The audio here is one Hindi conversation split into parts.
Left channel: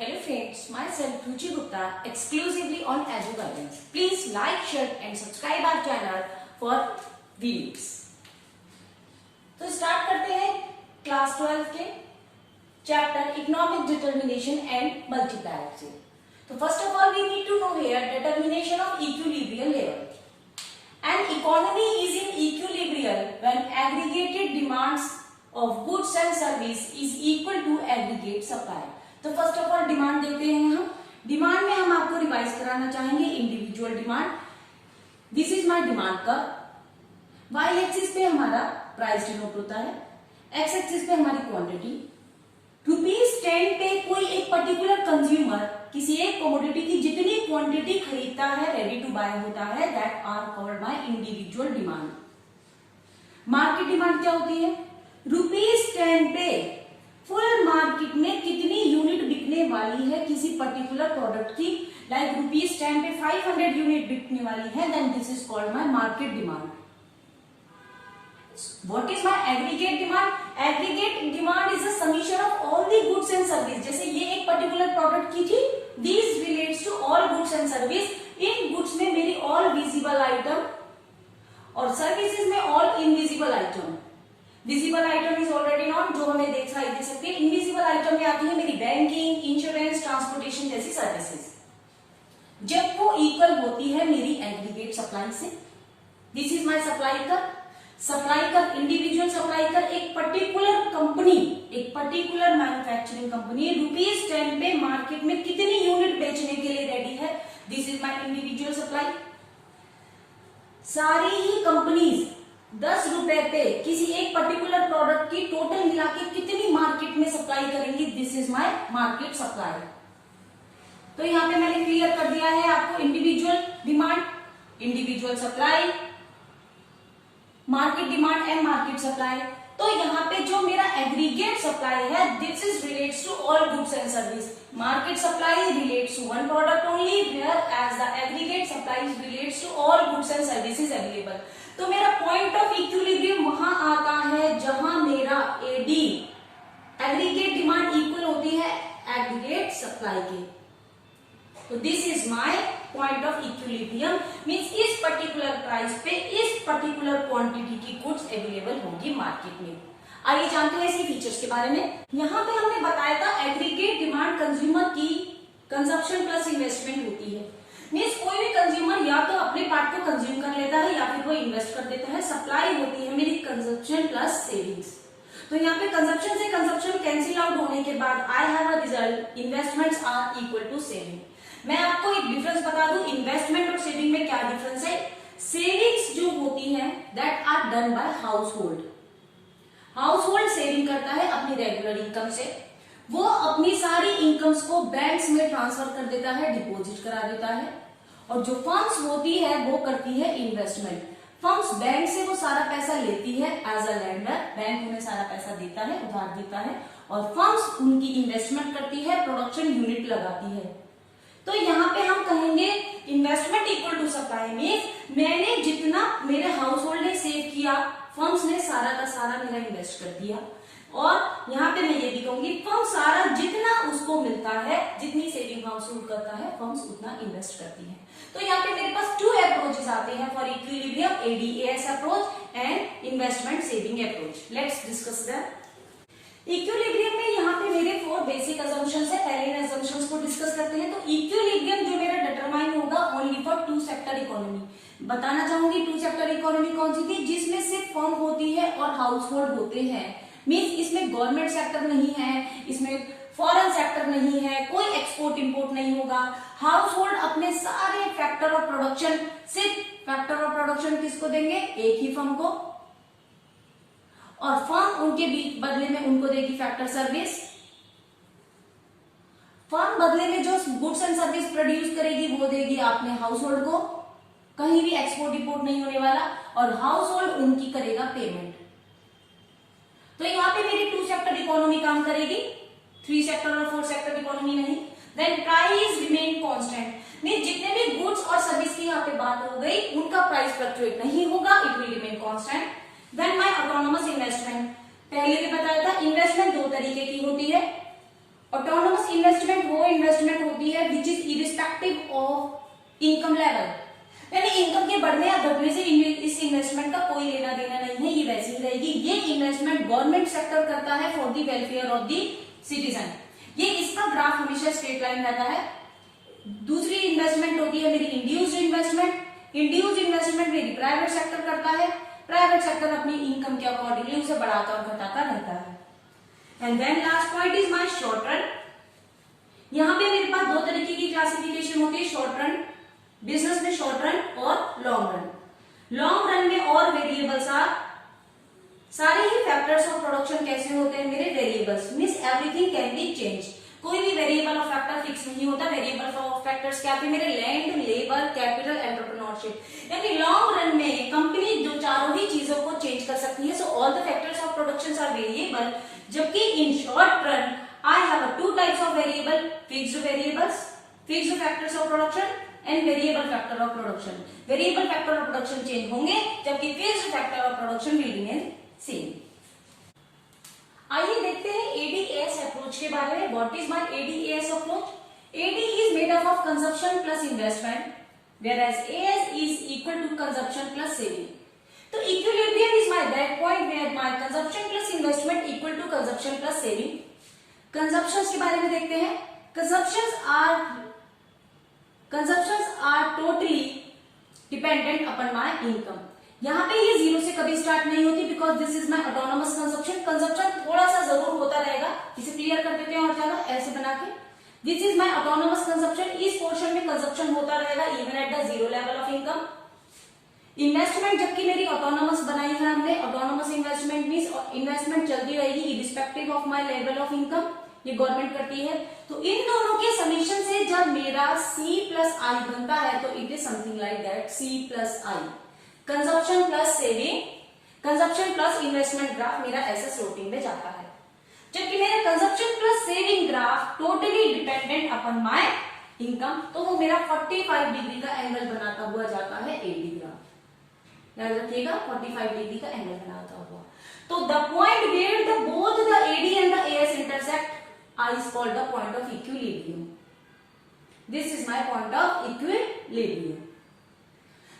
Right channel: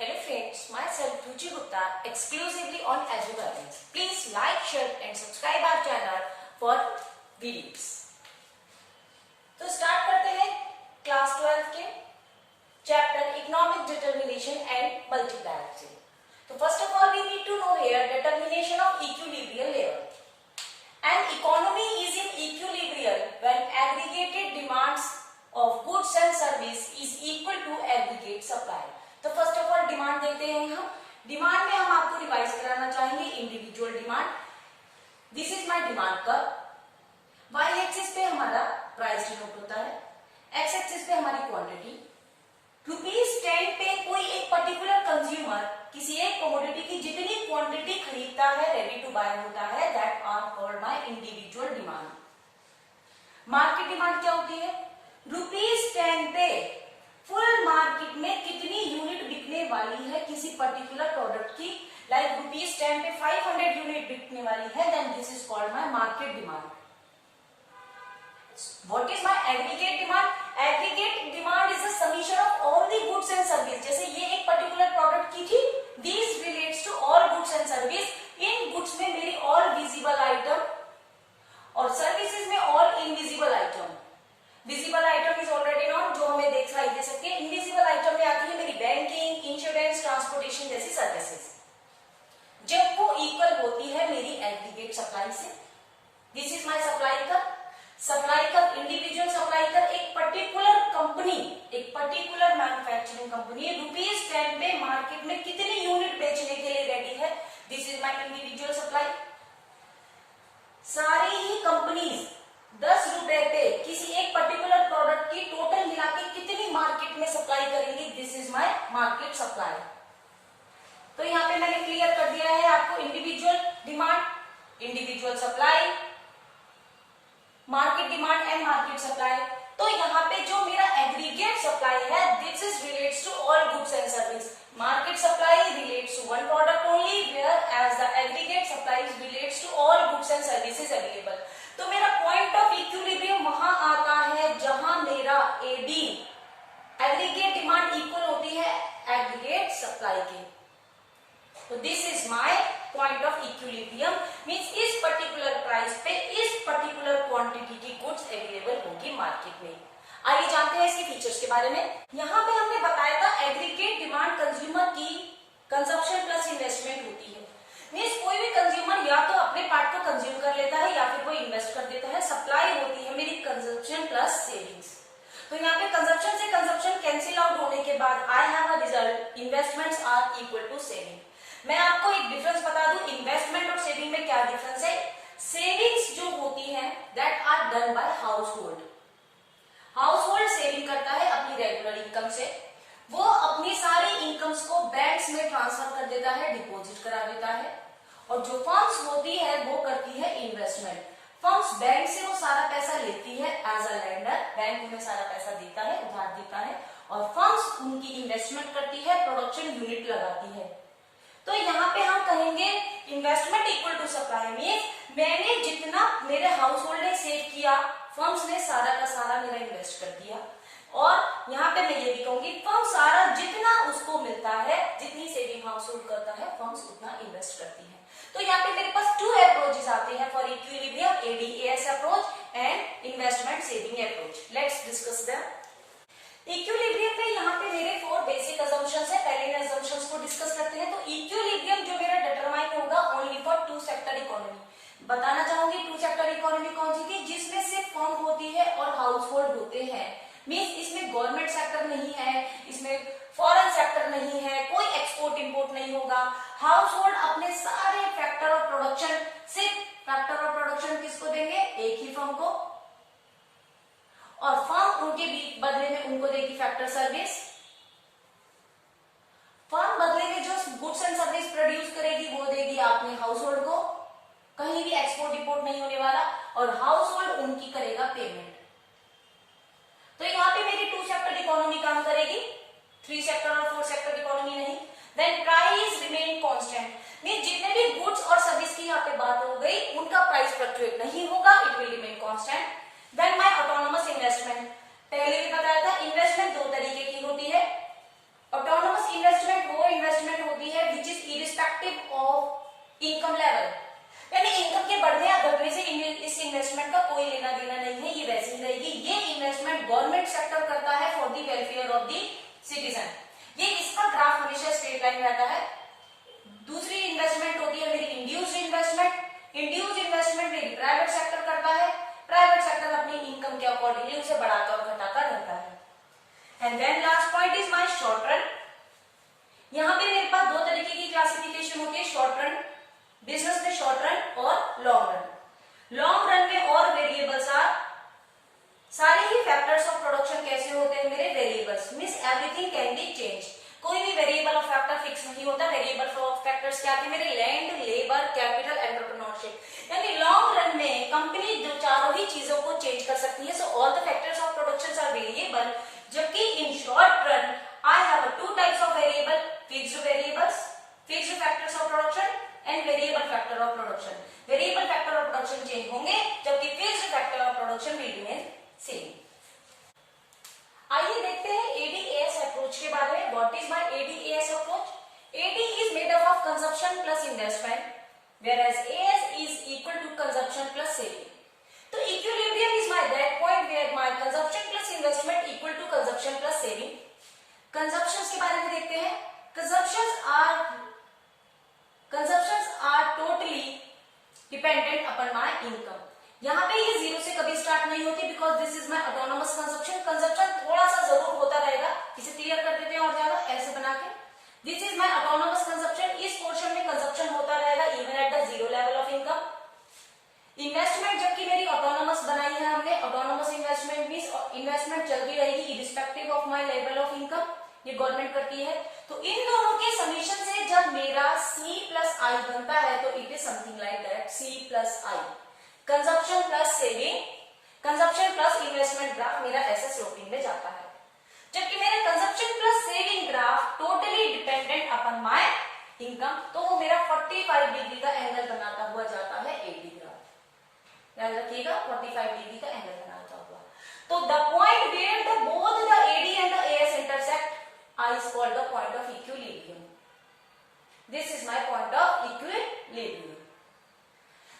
Hello friends, myself Ruchi Gupta, exclusively on Azure Guidance. Please like, share and subscribe our channel for videos. तो स्टार्ट करते हैं क्लास 12 के chapter economic determination and multiplier से. तो first of all we need to know here determination of equilibrium level. An economy is in equilibrium when aggregated demands of goods and service is equal to aggregate supply. तो फर्स्ट ऑफ ऑल डिमांड देते हैं हम. डिमांड में हम आपको रिवाइज कराना चाहेंगे individual demand. This is my demand curve. Y axis पे हमारा प्राइस डिनोट होता है, एक्स एक्सिस पे हमारी क्वांटिटी. ₹10 पे कोई एक पर्टिकुलर कंज्यूमर किसी एक कमोडिटी की जितनी क्वांटिटी खरीदता है, रेडी टू बाय होता है, that are called by individual demand. Market demand क्या होती है? ₹10 पे फुल मार्केट में कितनी यूनिट बिकने वाली है किसी पर्टिकुलर प्रोडक्ट की. लाइक ₹10 पे 500 यूनिट बिकने वाली है, then this is called my market demand. What is my aggregate demand? Aggregate demand is a summation of all the goods and service. जैसे ये एक पर्टिकुलर प्रोडक्ट की थी, these relates to all goods and service. In goods में मेरी all visible item और सर्विसेज में all invisible item. Visible item is already non, जो हमें दिखाई दे सकते हैं. इनविजिबल आइटम में आती है मेरी बैंकिंग, इंश्योरेंस, ट्रांसपोर्टेशन जैसी सर्विसेज. जब वो इक्वल होती है मेरी एग्रीगेट सप्लाई से. दिस इज माय सप्लाई कर. सप्लाई कर, इंडिविजुअल सप्लाई कर एक पर्टिकुलर कंपनी, एक पर्टिकुलर मैन्युफैक्चरिंग कंपनी ₹10 पे मार्केट में कितनी यूनिट बेचने के लिए रेडी है. This is my individual supply. सारी ही कंपनीज ₹10 पे किसी एक पर्टिकुलर प्रोडक्ट की टोटल मिला के कितनी मार्केट में सप्लाई करेंगी. This is my market supply. तो यहां पे मैंने क्लियर कर दिया है आपको individual demand, individual supply, market demand and market supply. तो यहाँ पे जो मेरा एग्रीगेट सप्लाई है, this is relates to all goods and service. Market supply relates to one product only, whereas the aggregate supply relates to all goods and services available. तो मेरा पॉइंट ऑफ इक्विलिब्रियम वहां आता है जहां मेरा एडी एग्रीगेट डिमांड इक्वल होती है एग्रीगेट सप्लाई के. तो this is my point of equilibrium. Means इस पर्टिकुलर प्राइस पे इस पर्टिकुलर क्वांटिटी की गुड्स अवेलेबल होगी मार्केट में. आइए जानते हैं इसके फीचर्स के बारे में. यहाँ पे हमने बताया था एग्रीगेट डिमांड कंज्यूमर की कंजप्शन प्लस इन्वेस्टमेंट होती है. मींस कोई भी कंज्यूमर या तो अपने पार्ट को कंज्यूम कर लेता है या फिर वो इन्वेस्ट कर देता है. सप्लाई होती है मेरी कंजप्शन प्लस सेविंग्स. तो यहाँ पे कंजप्शन से कंजप्शन कैंसिल आउट होने के बाद I have a result, investments are equal to saving. मैं आपको एक डिफरेंस बता दूं, इन्वेस्टमेंट और सेविंग में क्या डिफरेंस है. सेविंग्स जो होती है that are done by household. Household saving करता है अपनी रेगुलर इनकम से. वो अपनी सारी इनकम्स को बैंक्स में ट्रांसफर कर देता है, डिपॉजिट करा देता है. और जो फर्म्स होती है वो करती है इन्वेस्टमेंट. फर्म्स बैंक से वो सारा पैसा लेती है एज अ लेंडर. बैंक उन्हें सारा पैसा देता है, उधार देता है, और फर्म्स उनकी इन्वेस्टमेंट करती है, प्रोडक्शन यूनिट लगाती है. तो यहाँ पे हम कहेंगे investment equal to supply. Means मैंने जितना मेरे हाउस होल्ड ने सेव किया, फर्म्स ने सारा का सारा मेरा इन्वेस्ट कर दिया. और यहाँ पे मैं ये भी कहूंगी फर्म सारा जितना उसको मिलता है, जितनी सेविंग हाउस होल्ड करता है, फर्म्स उतना इन्वेस्ट करती है. तो यहाँ पे मेरे पास 2 अप्रोचेस आते हैं for equilibrium, ADAS approach and investment saving approach. Let's discuss that. Equilibrium में यहाँ पे मेरे 4 बेसिक अजम्पशंस है. पहले इन अजम्पशंस को डिस्कस करते हैं. तो इक्विलिब्रियम जो मेरा डिटरमाइन होगा ओनली फॉर 2 सेक्टर इकोनॉमी. बताना चाहूंगी 2 सेक्टर इकोनॉमी कौन सी थी, जिसमें सिर्फ फर्म होती है और हाउस होल्ड होते हैं. मीन्स इसमें गवर्नमेंट सेक्टर नहीं है, इसमें फॉरेन सेक्टर नहीं है, कोई एक्सपोर्ट इंपोर्ट नहीं होगा. हाउस होल्ड अपने सारे फैक्टर ऑफ प्रोडक्शन, सिर्फ फैक्टर ऑफ प्रोडक्शन किसको देंगे, एक ही फर्म को, और फर्म उनके बदले में उनको देगी फैक्टर सर्विस. फर्म बदले में जो गुड्स एंड सर्विस प्रोड्यूस करेगी वो देगी आपने हाउस होल्ड को. कहीं भी एक्सपोर्ट इंपोर्ट नहीं होने वाला, और हाउस होल्ड उनकी करेगा पेमेंट. तो यहाँ पे मेरी 2 सेक्टर इकोनॉमी काम करेगी, 3 सेक्टर और 4 सेक्टर इकोनॉमी नहीं. Then price remain constant. Means जितने भी गुड्स और सर्विस की यहाँ पे बात हो गई, उनका प्राइस फ्लक्चुएट नहीं होगा, it will remain constant. Then my autonomous investment. पहले भी बताया था इन्वेस्टमेंट 2 तरीके की होती है. ऑटोनोमस इन्वेस्टमेंट वो इन्वेस्टमेंट होती है which is irrespective of income level, यानी इनकम के बढ़ने या घटने से इस इन्वेस्टमेंट का कोई लेना देना नहीं है, ये वैसी ही रहेगी। ये इन्वेस्टमेंट गवर्नमेंट सेक्टर करता है for the welfare of the citizen. ये इसका ग्राफ हमेशा स्ट्रेट लाइन रहता है। दूसरी इन्वेस्टमेंट होती है मेरी इंड्यूस्ड इन्वेस्टमेंट। इंड्यूस्ड इन्वेस्टमेंट मेरी प्राइवेट सेक्टर करता है। प्राइवेट सेक्टर अपनी इनकम के अकॉर्डिंगली उसे बढ़ाकर और घटाकर रहता है। And then last point is my short run. यहाँ पे मेरे पास दो तरीके की क्लासिफिकेशन होती है शॉर्ट रन, बिजनेस में शॉर्ट रन और लॉन्ग रन। लॉन्ग रन में और वेरिएबल्स आर, सारे ही फैक्टर्स ऑफ प्रोडक्शन कैसे होते हैं मेरे variables, means everything can be change. कोई भी वेरिएबल ऑफ फैक्टर फिक्स नहीं होता। वेरिएबल ऑफ फैक्टर्स क्या थे मेरे, लैंड, लेबर, कैपिटल, एंटरप्रेन्योरशिप। यानी लॉन्ग रन में कंपनी जो चारों ही चीजों को चेंज कर सकती है। So all the factors of production are variable, जबकि in short run I have two types of variable, fixed variables, fixed factors of production and variable factor of production. Variable factor of production change होंगे जबकि fixed factor of production will remain same. आइए देखते हैं एडीएएस अप्रोच के बारे में। What is my AD AS approach? AD is made up of consumption plus investment, whereas AS is equal to consumption plus saving. तो equilibrium is my that point where my consumption plus investment equal to consumption plus saving. Consumptions के बारे में देखते हैं। Consumptions are totally dependent upon my income. यहाँ पे ये जीरो से कभी स्टार्ट नहीं होती because this is my autonomous consumption. Consumption थोड़ा सा जरूर होता रहेगा, इसे क्लियर कर देते हैं और ज्यादा ऐसे बना के। This is my autonomous consumption. इस पोर्शन में कंजप्शन होता रहेगा even at the zero level of income. Investment जबकि मेरी ऑटोनोमस बनाई है हमने, ऑटोनोमस इन्वेस्टमेंट मींस इन्वेस्टमेंट चलती रहेगी irrespective of my level of income, ये गवर्नमेंट करती है। तो इन दोनों के समीशन से जब मेरा C प्लस आई बनता है तो it is something like that, C plus I, consumption plus saving, consumption plus investment graph मेरा ऐसे स्लोपिंग में जाता है। जबकि मेरा consumption plus saving graph totally dependent upon my income, तो वो मेरा 45 डिग्री का एंगल बनाता हुआ जाता है एडी ग्राफ। याद रखिएगा 45 डिग्री का एंगल बनाता हुआ। तो the point where the both the AD and the AS intersect I is called the point of equilibrium. This is my point of equilibrium.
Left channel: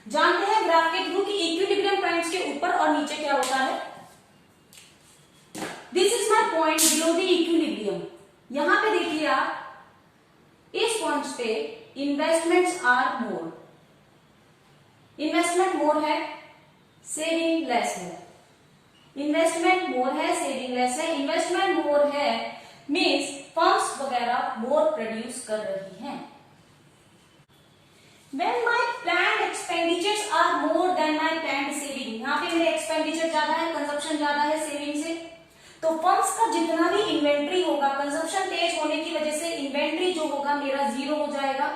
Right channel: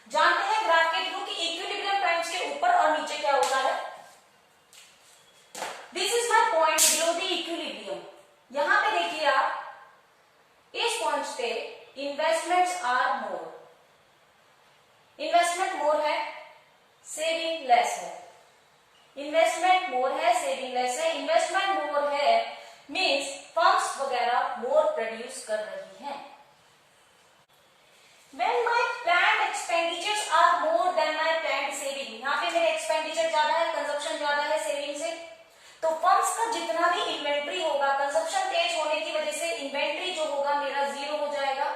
जानते हैं ग्राफ के थ्रू कि इक्विलिब्रियम पॉइंट्स के ऊपर और नीचे क्या होता है। This is my point below the equilibrium. यहां पे देखिए आप, इस पॉइंट्स पे इन्वेस्टमेंट्स आर मोर, इन्वेस्टमेंट मोर है, सेविंग लेस है। इन्वेस्टमेंट मोर है, सेविंग लेस है। इन्वेस्टमेंट मोर है मींस फर्म्स वगैरह मोर प्रोड्यूस कर रही हैं। When my planned expenditures are more than my planned saving, यहाँ पे मेरे एक्सपेंडिचर ज्यादा है, कंजप्शन ज्यादा है सेविंग से, तो फर्म्स का जितना भी इन्वेंट्री होगा, कंजप्शन तेज होने की वजह से इन्वेंट्री जो होगा मेरा जीरो हो जाएगा।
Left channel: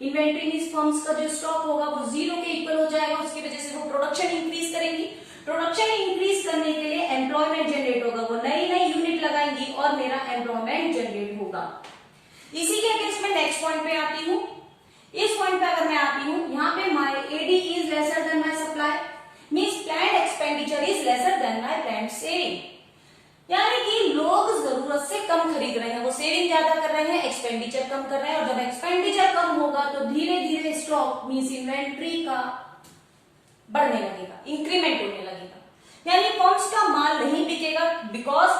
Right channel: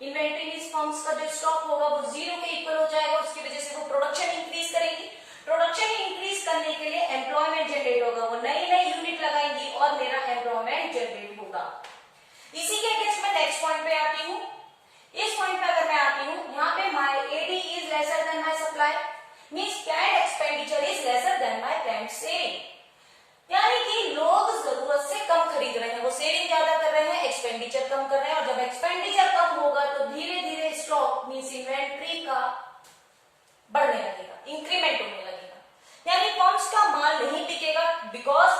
इन्वेंट्री मींस फर्म्स का जो स्टॉक होगा वो जीरो के इक्वल हो जाएगा। उसकी वजह से वो प्रोडक्शन इंक्रीज करेंगी। प्रोडक्शन इंक्रीज करने के लिए एम्प्लॉयमेंट जनरेट होगा, वो नई नई यूनिट लगाएंगी और मेरा एम्प्लॉयमेंट जनरेट होगा। इसी के केस में नेक्स्ट पॉइंट पे आती हूँ। इस पॉइंट पे अगर मैं आती हूँ, यहाँ पे my AD is lesser than my supply, means planned expenditure is lesser than my planned saving. यानी कि लोग जरूरत से कम खरीद रहे हैं, वो सेविंग ज्यादा कर रहे हैं, एक्सपेंडिचर कम कर रहे हैं। और जब एक्सपेंडिचर कम होगा तो धीरे धीरे स्टॉक मींस इन्वेंट्री का बढ़ने लगेगा, इंक्रीमेंट होने लगेगा। यानी फर्म्स का माल नहीं बिकेगा because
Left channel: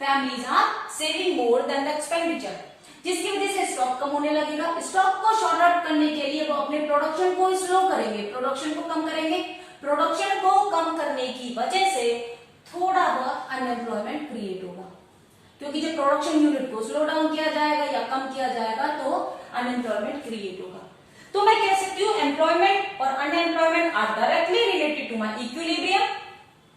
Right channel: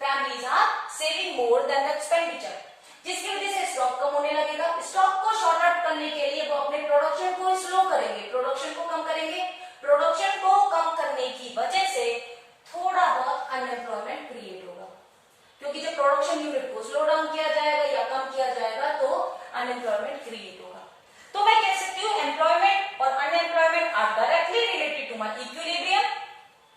families are saving more than the expenditure, जिसकी वजह से स्टॉक कम होने लगेगा। स्टॉक को शॉर्ट आउट करने के लिए वो अपने प्रोडक्शन को स्लो करेंगे, प्रोडक्शन को कम करेंगे। प्रोडक्शन को कम करने की वजह से थोड़ा बहुत अनएम्प्लॉयमेंट क्रिएट होगा, क्योंकि जब प्रोडक्शन यूनिट को स्लो डाउन किया जाएगा या कम किया जाएगा तो अनएम्प्लॉयमेंट क्रिएट होगा। तो मैं कह सकती हूँ एम्प्लॉयमेंट और unemployment are directly related to my equilibrium.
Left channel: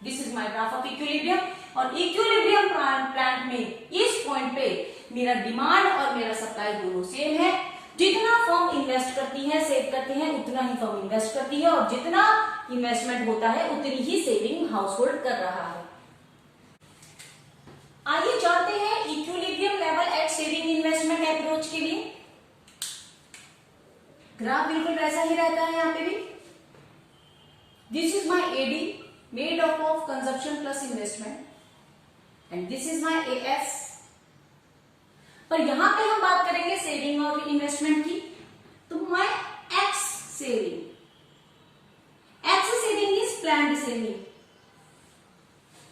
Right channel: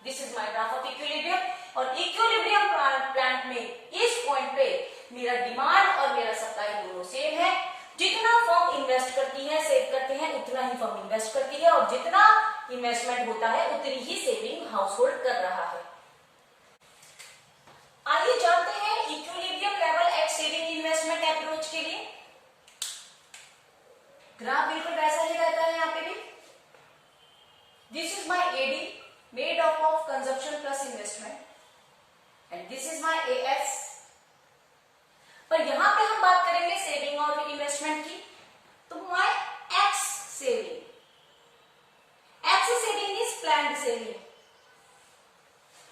This is my graph of equilibrium. और इक्विलिब्रियम प्लांट में इस पॉइंट पे मेरा डिमांड और मेरा सप्लाई दोनों सेम है। जितना फर्म इन्वेस्ट करती है, सेव करते हैं, उतना ही फर्म इन्वेस्ट करती है, और जितना इन्वेस्टमेंट होता है उतनी ही सेविंग हाउस होल्ड कर रहा है। आइए जानते हैं equilibrium level at saving investment approach के लिए। ग्राफ बिल्कुल वैसा ही रहता है यहाँ पे भी। This is my AD made up of consumption plus investment and this is my AS. पर यहाँ पे हम बात करेंगे सेविंग और इन्वेस्टमेंट की। तो my ex saving is planned saving.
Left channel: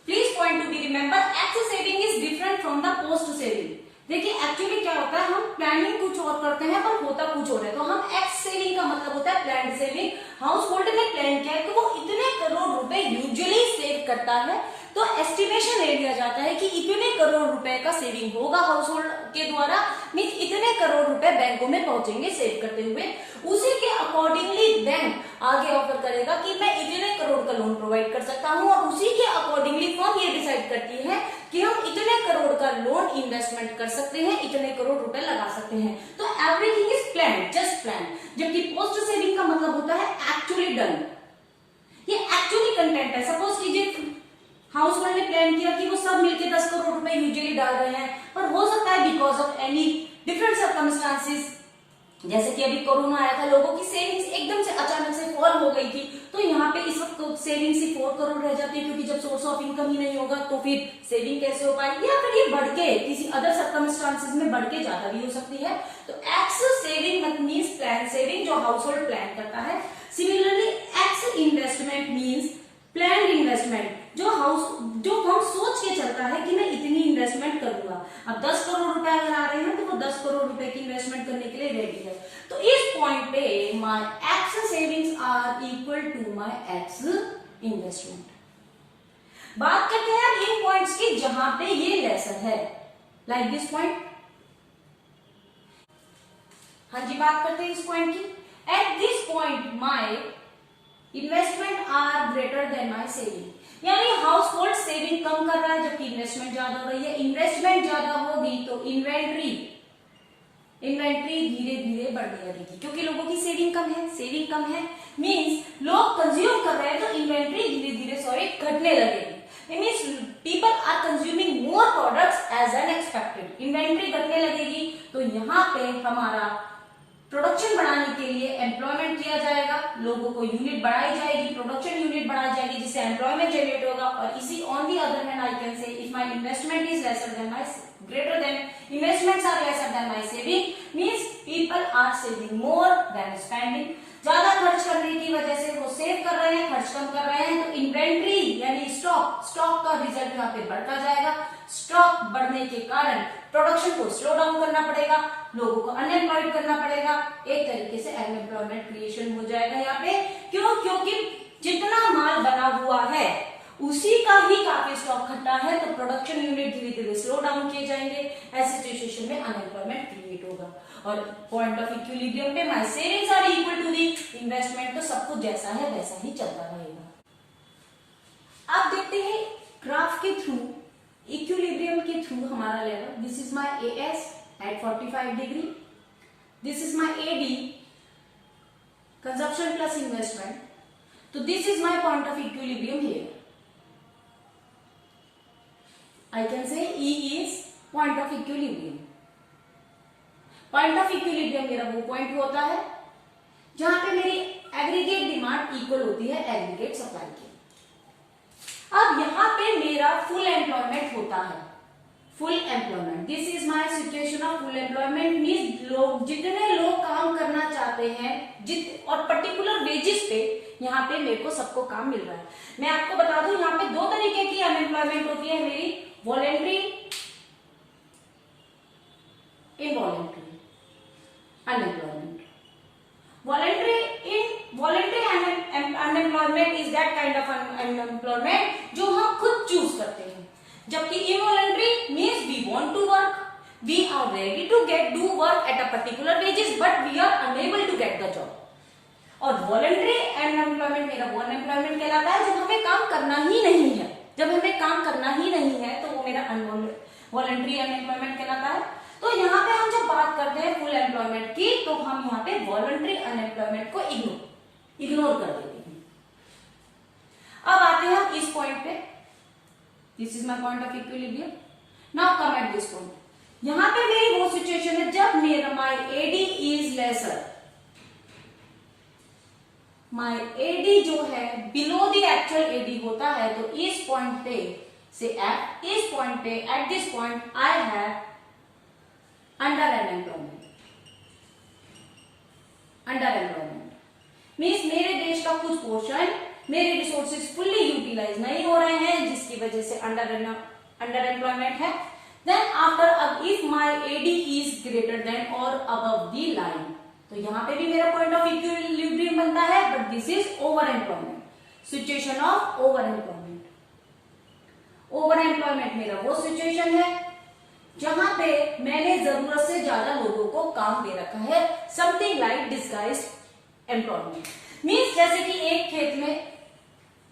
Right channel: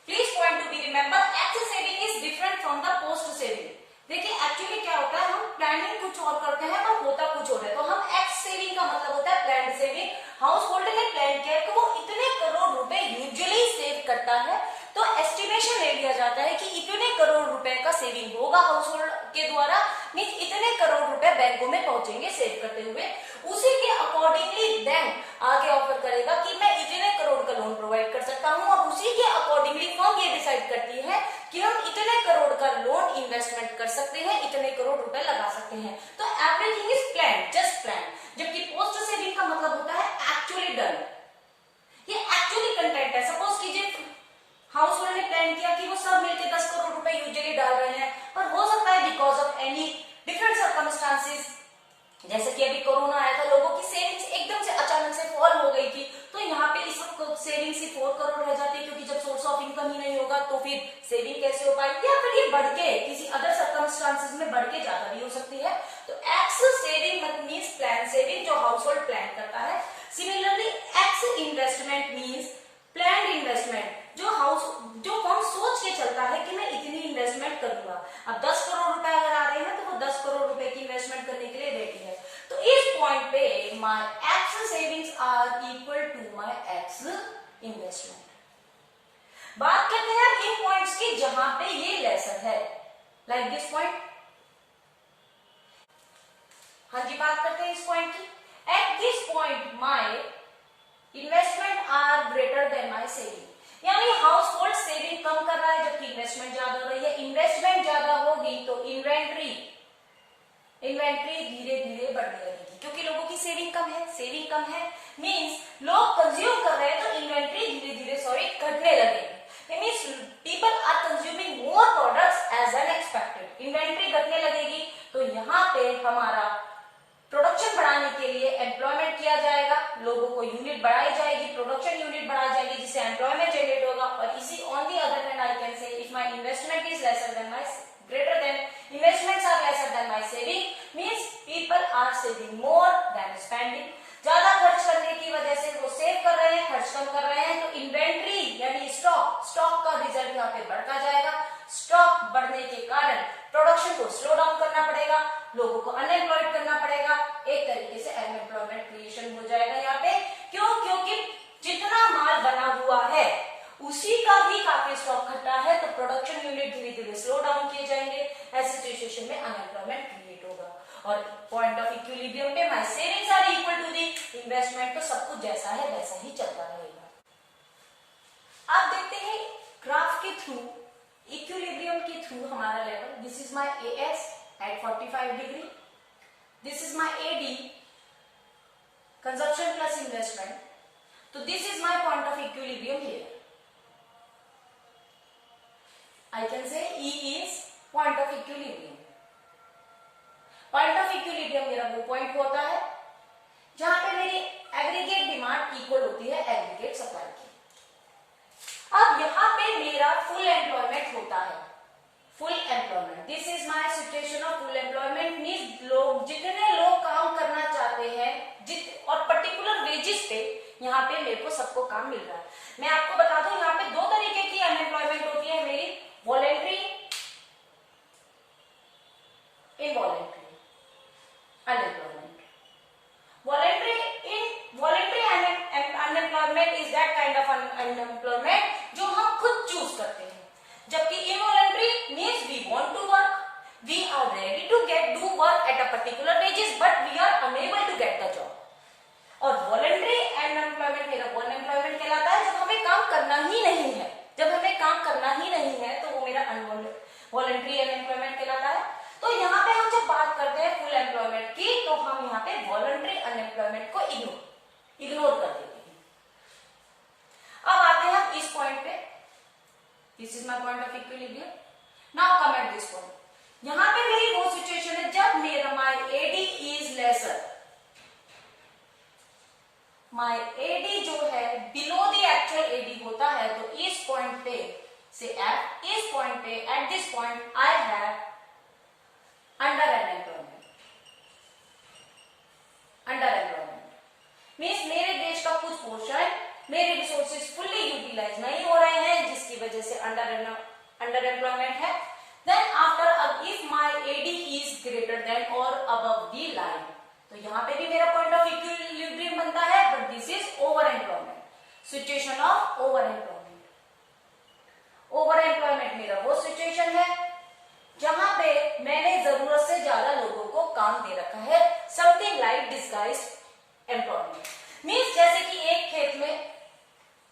Please point to be remember, x saving is different from the post saving. देखिए एक्चुअली क्या होता है, हम प्लानिंग कुछ और करते हैं पर होता कुछ और है। तो हम एक्स सेविंग का मतलब होता है प्लान्ड सेविंग। हाउस होल्ड ने प्लान किया है कि वो इतने करोड़ रुपए यूजुअली सेव करता है, तो एस्टिमेशन ले लिया जाता है कि इतने करोड़ रुपए का सेविंग होगा हाउस होल्ड के द्वारा, मीन इतने करोड़ रुपए बैंकों में पहुंचेंगे सेव करते हुए। उसी के अकॉर्डिंगली बैंक आगे ऑफर करेगा कि मैं इतने करोड़ का लोन प्रोवाइड कर सकता हूं, और उसी के अकॉर्डिंगली फर्म ये डिसाइड करती है कि हम इतने करोड़ का लोन इन्वेस्टमेंट कर सकते हैं, इतने करोड़ रुपए लगा सकते हैं। तो everything is plan, just plan. जबकि पोस्ट सेविंग का मतलब होता है एक्चुअली डन, ये एक्चुअली कंटेंट है। सपोज कीजिए हाउस होल्ड ने प्लान किया कि वो सब मिलकर 10 करोड़ रुपए यूजुअली डाल रहे हैं, पर हो सकता है because of any different circumstances, जैसे कि अभी कोरोना आया था, लोगों की सेविंग्स एकदम से अचानक से फॉल हो गई थी, तो यहाँ पे इस वक्त सेविंग से 4 करोड़ रह जाती है, क्योंकि जब सोर्स ऑफ इनकम ही नहीं होगा तो फिर सेविंग कैसे हो पाएगी, या फिर ये बढ़ के किसी अदर सर्कमस्टांसेस में बढ़ के ज्यादा भी हो सकती है। तो x saving means plan saving, जो हाउस होल्ड प्लान करता है। Similarly x investment means plan investment, जो फर्म सोच के चलता है कि मैं इतनी इन्वेस्टमेंट करूंगा। अब 10 करोड़ रुपए अगर आ रहे हैं तो वो 10 करोड़ रुपए की इन्वेस्टमेंट करने के लिए रेडी है। तो इस पॉइंट पे my ex savings are equal to my ex investment. बात करते हैं अब इन पॉइंट्स की जहां पे ये लेसर है, लाइक दिस पॉइंट। हाँ जी, बात करते हैं इस पॉइंट की। At this point my investment are greater than my saving, यानी हाउस होल्ड सेविंग कम कर रहा है जबकि इन्वेस्टमेंट ज्यादा हो रही है। इन्वेस्टमेंट ज्यादा होगी तो इन्वेंट्री धीरे धीरे बढ़ने लगेगी, क्योंकि लोगों की सेविंग कम है मींस लोग कंज्यूम कर रहे हैं, तो इन्वेंट्री धीरे धीरे घटने लगेगी। It means people are consuming more products as an expected. Inventory घटने लगेगी तो यहाँ पे हमारा प्रोडक्शन बढ़ाने के लिए एम्प्लॉयमेंट किया जाएगा, लोगों को यूनिट बढ़ाई जाएगी, प्रोडक्शन यूनिट बढ़ाई जाएगी, जिससे एम्प्लॉयमेंट जनरेट होगा। और इसी on the other hand I can say if my investment is lesser than my greater than investments are lesser than my saving means people are saving more than spending. ज्यादा खर्च करने की वजह से वो सेव कर रहे हैं, खर्च कम कर रहे हैं, तो इन्वेंट्री यानी स्टॉक का रिजल्ट यहाँ पे बढ़ता जाएगा। स्टॉक बढ़ने के कारण प्रोडक्शन को स्लो डाउन करना पड़ेगा, लोगों को अनएम्प्लॉयड करना पड़ेगा, एक तरीके से अनएम्प्लॉयमेंट क्रिएशन हो जाएगा यहाँ पे। क्यों? क्योंकि जितना माल बना हुआ है उसी का ही काफी स्टॉक खट्टा है, तो प्रोडक्शन यूनिट धीरे धीरे स्लो डाउन किए जाएंगे। ऐसी सिचुएशन में अनएम्प्लॉयमेंट क्रिएट होगा। और पॉइंट ऑफ इक्विलिब्रियम पे my savings are equal to the investment, तो सब कुछ जैसा है वैसा ही चलता रहेगा। आप देखते हैं ग्राफ के थ्रू, इक्विलिब्रियम के थ्रू हमारा level, this is my AS at 45 degree, this is my AD consumption plus investment, तो this is my point of equilibrium here. I can say E is point of equilibrium. Point of equilibrium मेरा वो पॉइंट होता है जहां पे मेरी एग्रीगेट डिमांड इक्वल होती है एग्रीगेट सप्लाई की। अब यहाँ पे मेरा फुल एम्प्लॉयमेंट होता है, full employment, this is my situation of full employment means लोग जितने लोग काम करना चाहते हैं और पर्टिकुलर वेजेस पे यहाँ पे मेरे को सबको काम मिल रहा है। मैं आपको बता दूं यहाँ पे 2 तरीके की अनएम्प्लॉयमेंट होती है मेरी, voluntary, involuntary unemployment. Voluntary unemployment is that kind of unemployment जो हम खुद चूज करते हैं, जबकि involuntary means we want to work, we are ready to do work at a particular wages but we are unable to get the job. और वॉलेंट्री अनएम्प्लॉयमेंट मेरा वो अनएम्प्लॉयमेंट कहलाता है जब हमें काम करना ही नहीं है, जब हमें काम करना ही नहीं है तो वो मेरा वॉलेंट्री अनएम्प्लॉयमेंट कहलाता है। तो यहाँ पे हम जब बात करते हैं फुल एम्प्लॉयमेंट की तो हम यहाँ पे वॉलेंट्री अनएम्प्लॉयमेंट को इग्नोर कर देते हैं। अब आते हैं हम इस पॉइंट पे, this is my point of equilibrium. Now come at this point, यहाँ पे मेरी वो सिचुएशन है जब मेरा my AD is lesser, my AD जो है बिलो द एक्चुअल एडी होता है, तो इस पॉइंट पे से इस पॉइंट पे eight this point I have under unemployment. Under employment means मेरे देश का कुछ पोर्शन, मेरे रिसोर्सेज फुल्ली यूटिलाइज नहीं हो रहे हैं, जिसकी वजह से अंडर एम्प्लॉयमेंट है। Then after if my AD is greater than और अबव द लाइन, तो यहाँ पे भी मेरा पॉइंट ऑफ इक्विलिब्रियम बनता है, but this is over employment, situation of over employment. Over employment मेरा वो सिचुएशन है जहां पे मैंने जरूरत से ज्यादा लोगों को काम दे रखा है, something like disguised employment. Means जैसे कि एक खेत में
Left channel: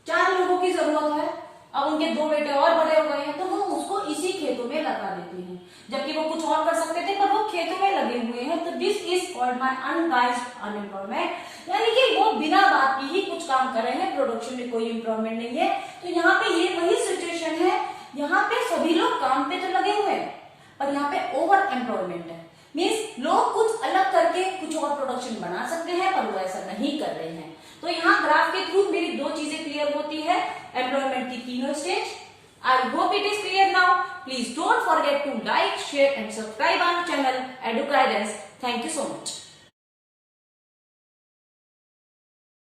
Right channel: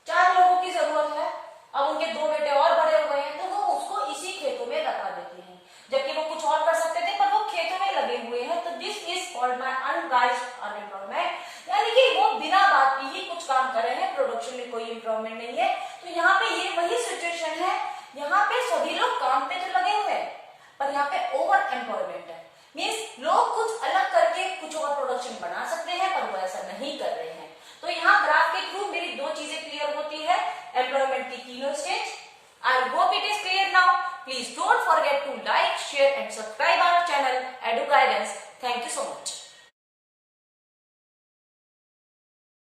4 लोगों की जरूरत है, अब उनके 2 बेटे और बड़े हो गए हैं, तो वो उसको इसी खेतों में लगा देते हैं, जबकि वो कुछ और कर सकते थे पर वो खेतों में लगे हुए हैं। तो this is called by disguised unemployment, यानी कि वो बिना बात की ही कुछ काम कर रहे हैं, प्रोडक्शन में कोई एम्प्लॉयमेंट नहीं है। तो यहाँ पे ये वही सिचुएशन है, यहाँ पे सभी लोग काम पे तो लगे हुए हैं पर यहाँ पे ओवर एम्प्लॉयमेंट है। मीन्स लोग कुछ अलग करके कुछ और प्रोडक्शन बना सकते हैं पर वो ऐसा नहीं कर रहे हैं। तो यहाँ ग्राफ के थ्रू मेरी 2 चीजें क्लियर होती है, एम्प्लॉयमेंट की तीनों stage. I hope it is clear now. Please don't forget to like, share and subscribe our channel Eduguidance. Thank you so much.